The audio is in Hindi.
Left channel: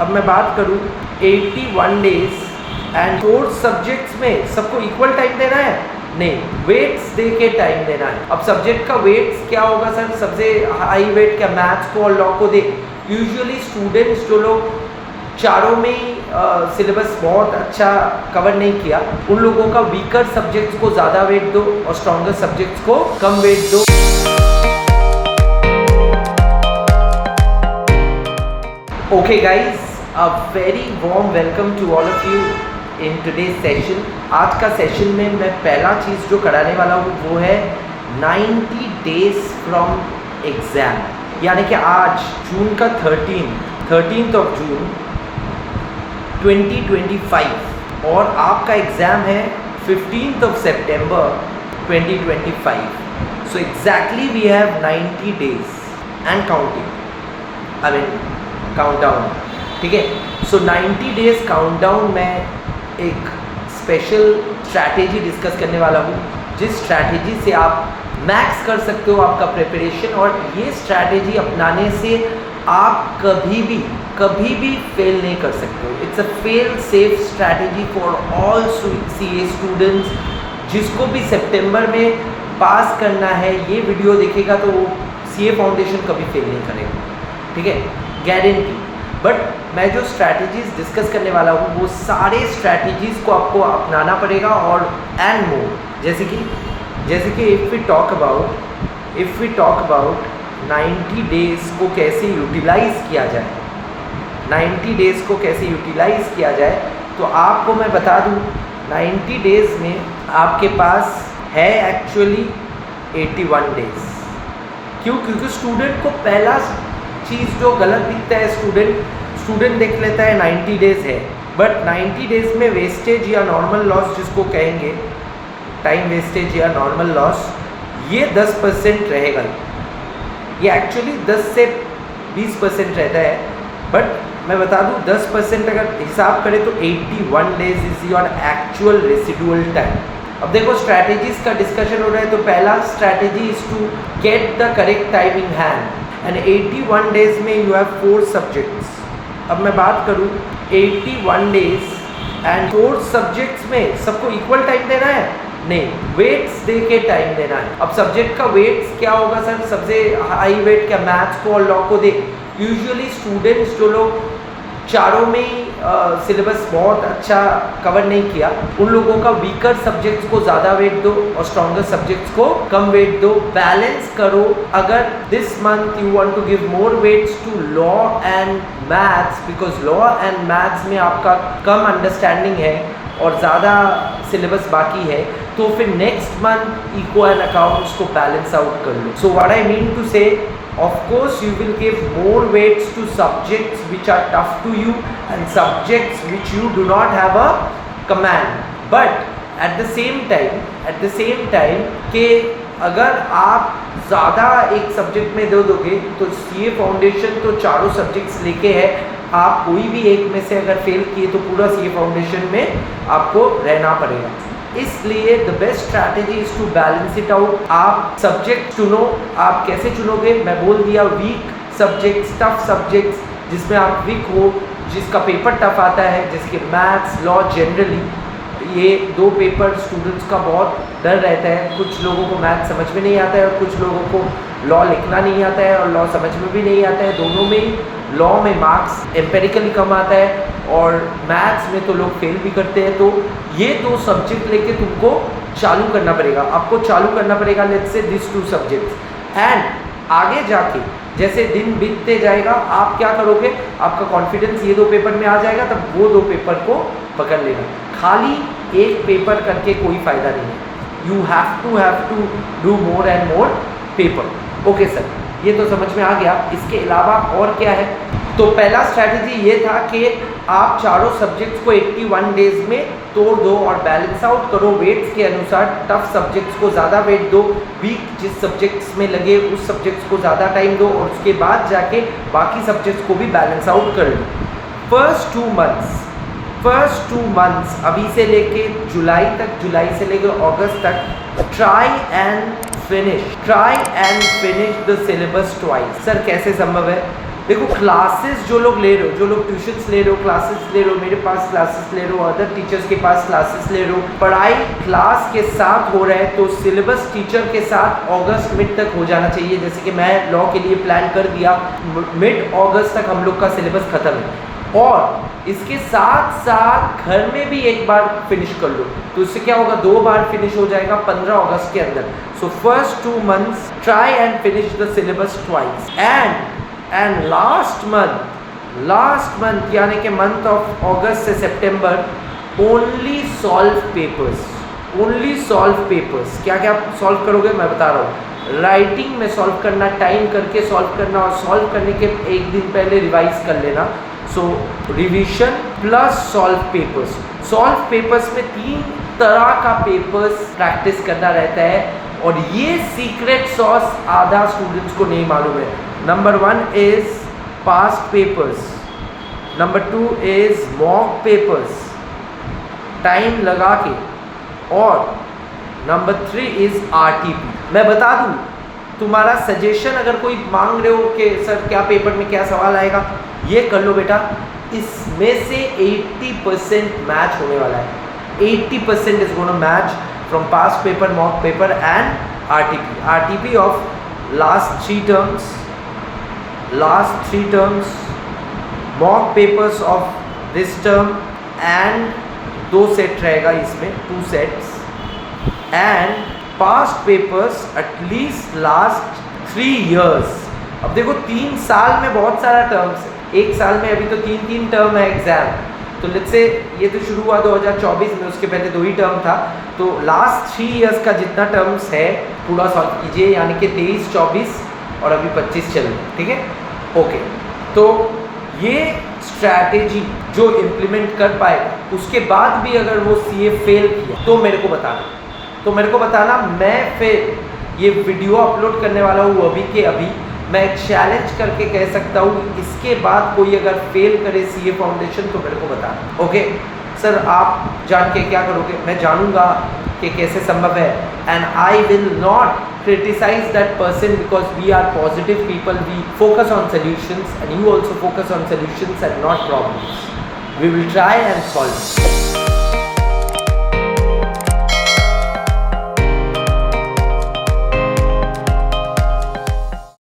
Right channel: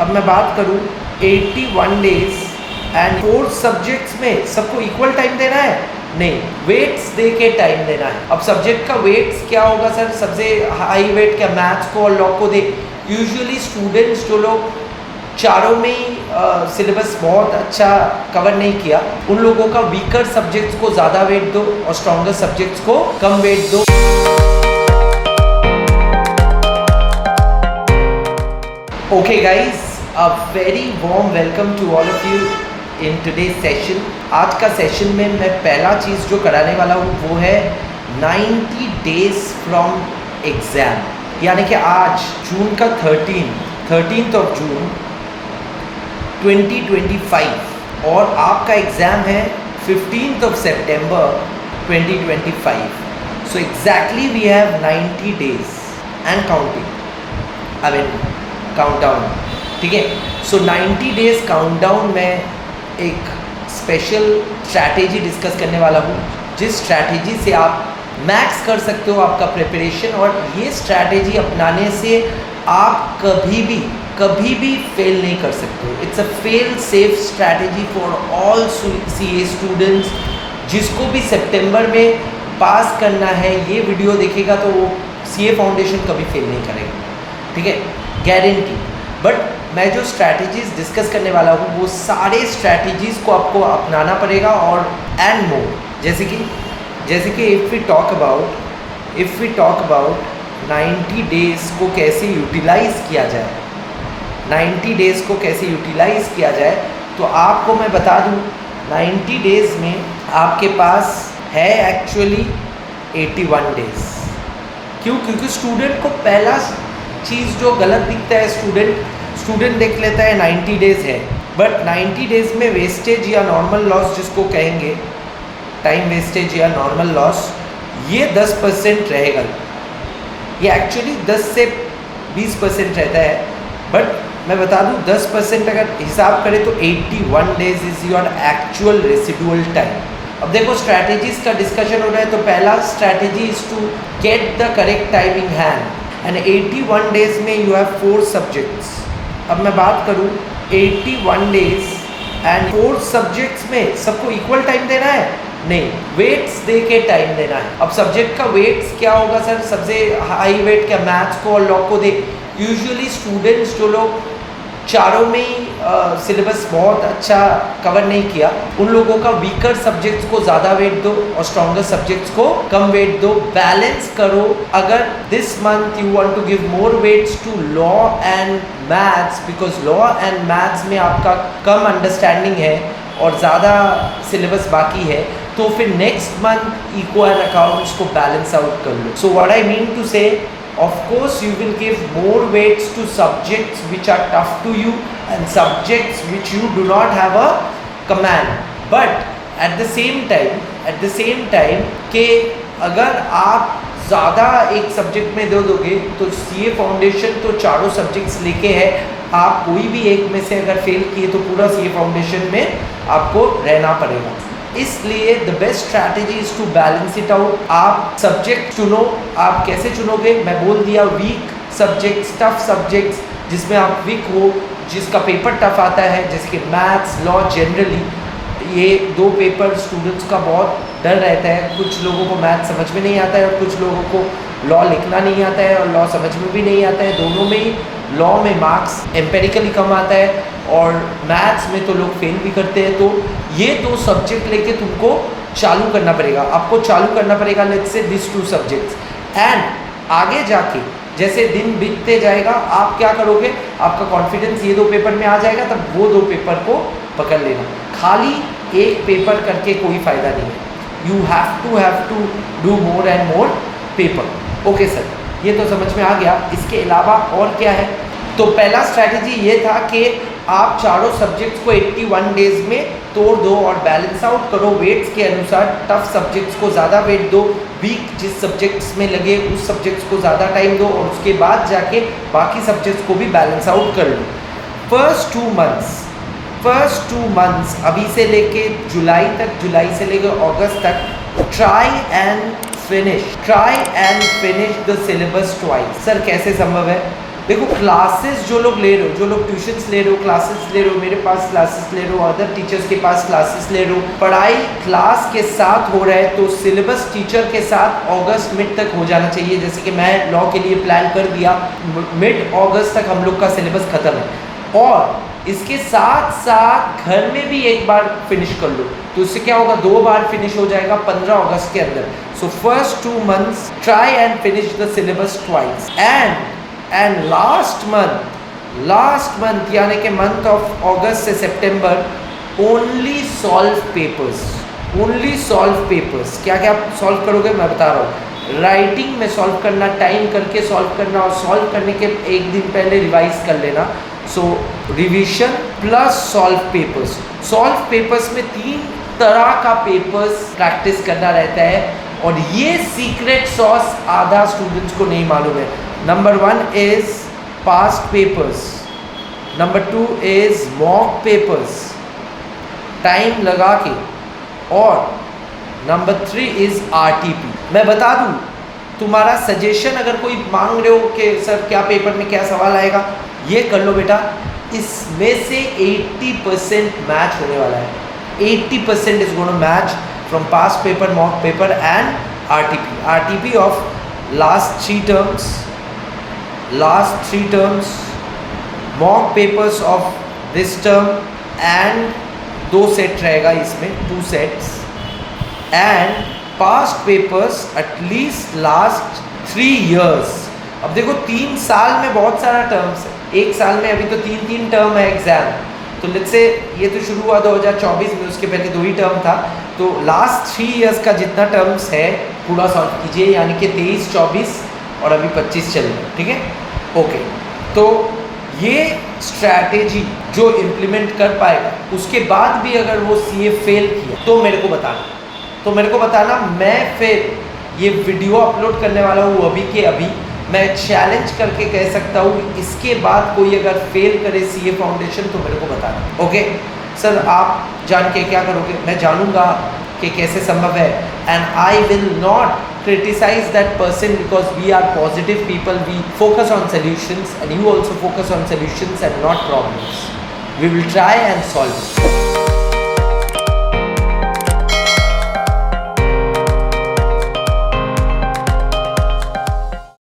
अब मैं बात करूँ 81 डेज एंड 4 सब्जेक्ट्स में सबको इक्वल टाइम देना है? नहीं, वेट्स दे के टाइम देना है। अब सब्जेक्ट का वेट्स क्या होगा सर? सबसे हाई वेट क्या मैथ्स को और लॉ को दे? यूजुअली स्टूडेंट्स जो लोग चारों में ही सिलेबस बहुत अच्छा कवर नहीं किया, उन लोगों का वीकर सब्जेक्ट्स को ज़्यादा वेट दो और स्ट्रॉन्गर सब्जेक्ट्स को कम वेट दो। Okay guys, a very warm welcome to all of you in today's session। आज का सेशन में मैं पहला चीज़ जो कराने वाला हूँ वो है 90 days from exam, यानी कि आज जून का 13th of June 2025 और आपका एग्ज़ाम है 15th of September 2025। So exactly we have 90 days and counting, I mean countdown, ठीक है। सो 90 डेज काउंटडाउन में एक स्पेशल स्ट्रैटेजी डिस्कस करने वाला हूँ, जिस स्ट्रैटेजी से आप मैक्स कर सकते हो आपका प्रिपरेशन, और ये स्ट्रैटेजी अपनाने से आप कभी भी फेल नहीं कर सकते हो। It's a fail safe strategy for all CA students. जिसको भी सितंबर में पास करना है, ये वीडियो देखेगा तो वो CA फाउंडेशन कभी फेल नहीं करेगा, ठीक है, गारंटी। बट मैं जो स्ट्रैटेजीज डिस्कस करने वाला हूँ वो सारे स्ट्रैटेजीज को आपको अपनाना पड़ेगा, और एंड मोर, जैसे कि if we talk about 90 days को कैसे यूटिलाइज़ किया जाए, 90 डेज़ को कैसे यूटिलाइज़ किया जाए, तो आपको मैं बता दूँ 90 डेज़ में आपके पास है एक्चुअली 81 डेज़। क्यों? क्योंकि स्टूडेंट को पहला चीज़ जो गलत दिखता है, स्टूडेंट देख लेता है 90 डेज़ है, बट 90 डेज़ में वेस्टेज या नॉर्मल लॉस जिसको कहेंगे, टाइम वेस्टेज या नॉर्मल लॉस, ये 10% रहेगा। ये एक्चुअली 10 से 20% रहता है, बट मैं बता दूँ 10% अगर हिसाब करें तो 81 days is your actual residual time. अब देखो स्ट्रैटेजीज़ का डिस्कशन हो रहा है, तो पहला strategy is to get the correct time in hand, and 81 days में यू हैव 4 सब्जेक्ट्स। अब मैं बात करूँ 81 डेज़ एंड 4 सब्जेक्ट्स में सबको इक्वल टाइम देना है? नहीं, वेट्स दे के टाइम देना है। अब सब्जेक्ट का वेट्स क्या होगा सर? सबसे हाई वेट क्या मैथ्स को और लॉ को दे? यूजुअली स्टूडेंट्स जो लोग चारों में ही सिलेबस बहुत अच्छा कवर नहीं किया, उन लोगों का वीकर सब्जेक्ट्स को ज़्यादा वेट दो और स्ट्रॉन्गर सब्जेक्ट्स को कम वेट दो। बैलेंस करो। अगर this month you want to give more weights to law and maths, because law and maths में आपका कम अंडरस्टैंडिंग है और ज़्यादा सिलेबस बाकी है, तो फिर नेक्स्ट मंथ इको एंड अकाउंट्स को बैलेंस आउट कर लो। So what I mean to say, of course you will give more weights to subjects which are tough to you and subjects which you do not have a command, but at the same time कि अगर आप ज़्यादा एक सब्जेक्ट में दे दोगे तो CA फाउंडेशन तो चारों सब्जेक्ट्स लेके है, आप कोई भी एक में से अगर फेल किए तो पूरा CA फाउंडेशन में आपको रहना पड़ेगा। इसलिए the best strategy is to balance it out. आप सब्जेक्ट चुनो। आप कैसे चुनोगे? मैं बोल दिया, वीक सब्जेक्ट्स, टफ सब्जेक्ट्स जिसमें आप वीक हो, जिसका पेपर टफ आता है, जैसे कि मैथ्स, लॉ। जनरली ये 2 पेपर स्टूडेंट्स का बहुत डर रहता है। कुछ लोगों को मैथ्स समझ में नहीं आता है और कुछ लोगों को लॉ लिखना नहीं आता है और लॉ समझ में भी नहीं आता है। दोनों में ही लॉ में मार्क्स एम्पेरिकली कम आता है और मैथ्स में तो लोग फेल भी करते हैं। तो ये 2 सब्जेक्ट लेके तुमको चालू करना पड़ेगा। आपको चालू करना पड़ेगा let's say this 2 subjects, and आगे जाके जैसे दिन बीतते जाएगा आप क्या करोगे, आपका कॉन्फिडेंस ये 2 पेपर में आ जाएगा, तब वो 2 पेपर को पकड़ लेना। खाली एक पेपर करके कोई फ़ायदा नहीं है। You have to do more and more paper. Okay sir, ये तो समझ में आ गया। इसके अलावा और क्या है? तो पहला स्ट्रैटेजी ये था कि आप चारों सब्जेक्ट्स को 81 डेज़ में तोड़ दो और बैलेंस आउट करो वेट्स के अनुसार। टफ सब्जेक्ट्स को ज़्यादा वेट दो, वीक जिस सब्जेक्ट्स में लगे उस सब्जेक्ट्स को ज़्यादा टाइम दो, और उसके बाद जाके बाकी सब्जेक्ट्स को भी बैलेंस आउट कर लो। फर्स्ट टू मंथ्स अभी से लेके जुलाई तक, जुलाई से लेके अगस्त तक, try and finish the syllabus twice. Sir कैसे संभव है? देखो क्लासेस जो लोग ले रहे हो, जो लोग ट्यूशन्स ले रहे हो, क्लासेस ले रहे हो, मेरे पास क्लासेस ले रहे हो, अदर टीचर्स के पास क्लासेस ले रहे हो, पढ़ाई क्लास के साथ हो रहा है तो सिलेबस टीचर के साथ अगस्त मिड तक हो जाना चाहिए। जैसे कि मैं लॉ के लिए प्लान कर दिया, मिड अगस्त तक हम लोग का सिलेबस खत्म है, और इसके साथ साथ घर में भी एक बार फिनिश कर लो तो उससे क्या होगा, 2 बार फिनिश हो जाएगा 15 अगस्त के अंदर। So first 2 months try and finish the syllabus twice, and last month यानी कि मंथ ऑफ अगस्त से सितंबर ओनली सॉल्व पेपर्स। क्या क्या सॉल्व करोगे मैं बता रहा हूँ। राइटिंग में सॉल्व करना, टाइम करके सॉल्व करना, और सॉल्व करने के एक दिन पहले रिवाइज कर लेना। सो रिवीजन प्लस सॉल्व पेपर्स में 3 तरह का पेपर्स प्रैक्टिस करना रहता है, और ये सीक्रेट सॉस आधा स्टूडेंट्स को नहीं मालूम है। Number 1 is past papers, number 2 is mock papers time लगा के, और नंबर 3 इज RTP। मैं बता दूं, तुम्हारा सजेशन अगर कोई मांग रहे हो कि सर क्या पेपर में क्या सवाल आएगा, ये कर लो बेटा, इसमें से 80% मैच होने वाला है। 80% is gonna match from past paper, mock paper and RTP of last 3 terms, mock papers of this term, and 2 set रहेगा इसमें, 2 sets, and past papers at least last 3 years। अब देखो 3 साल में बहुत सारा टर्म्स है, एक साल में अभी तो 3 टर्म है एग्जाम, तो लेट्स से ये तो शुरू हुआ 2024 में, उसके पहले 2 ही टर्म था, तो लास्ट 3 years का जितना टर्म्स है पूरा सॉल्व कीजिए, यानी कि 23, 24 और अभी 25 चल रहा है, ठीक है, ओके। तो ये स्ट्रैटेजी जो इम्प्लीमेंट कर पाएगा, उसके बाद भी अगर वो CA फेल किया तो मेरे को बताना, मैं फिर ये वीडियो अपलोड करने वाला हूँ अभी के अभी। मैं चैलेंज करके कह सकता हूँ, इसके बाद कोई अगर फेल करे CA फाउंडेशन तो मेरे को बताना, ओके सर। आप जान के क्या करोगे, मैं जानूंगा कि कैसे संभव है, and I will not criticize that person because we are positive people, we focus on solutions and you also focus on solutions and not problems. We will try and solve it.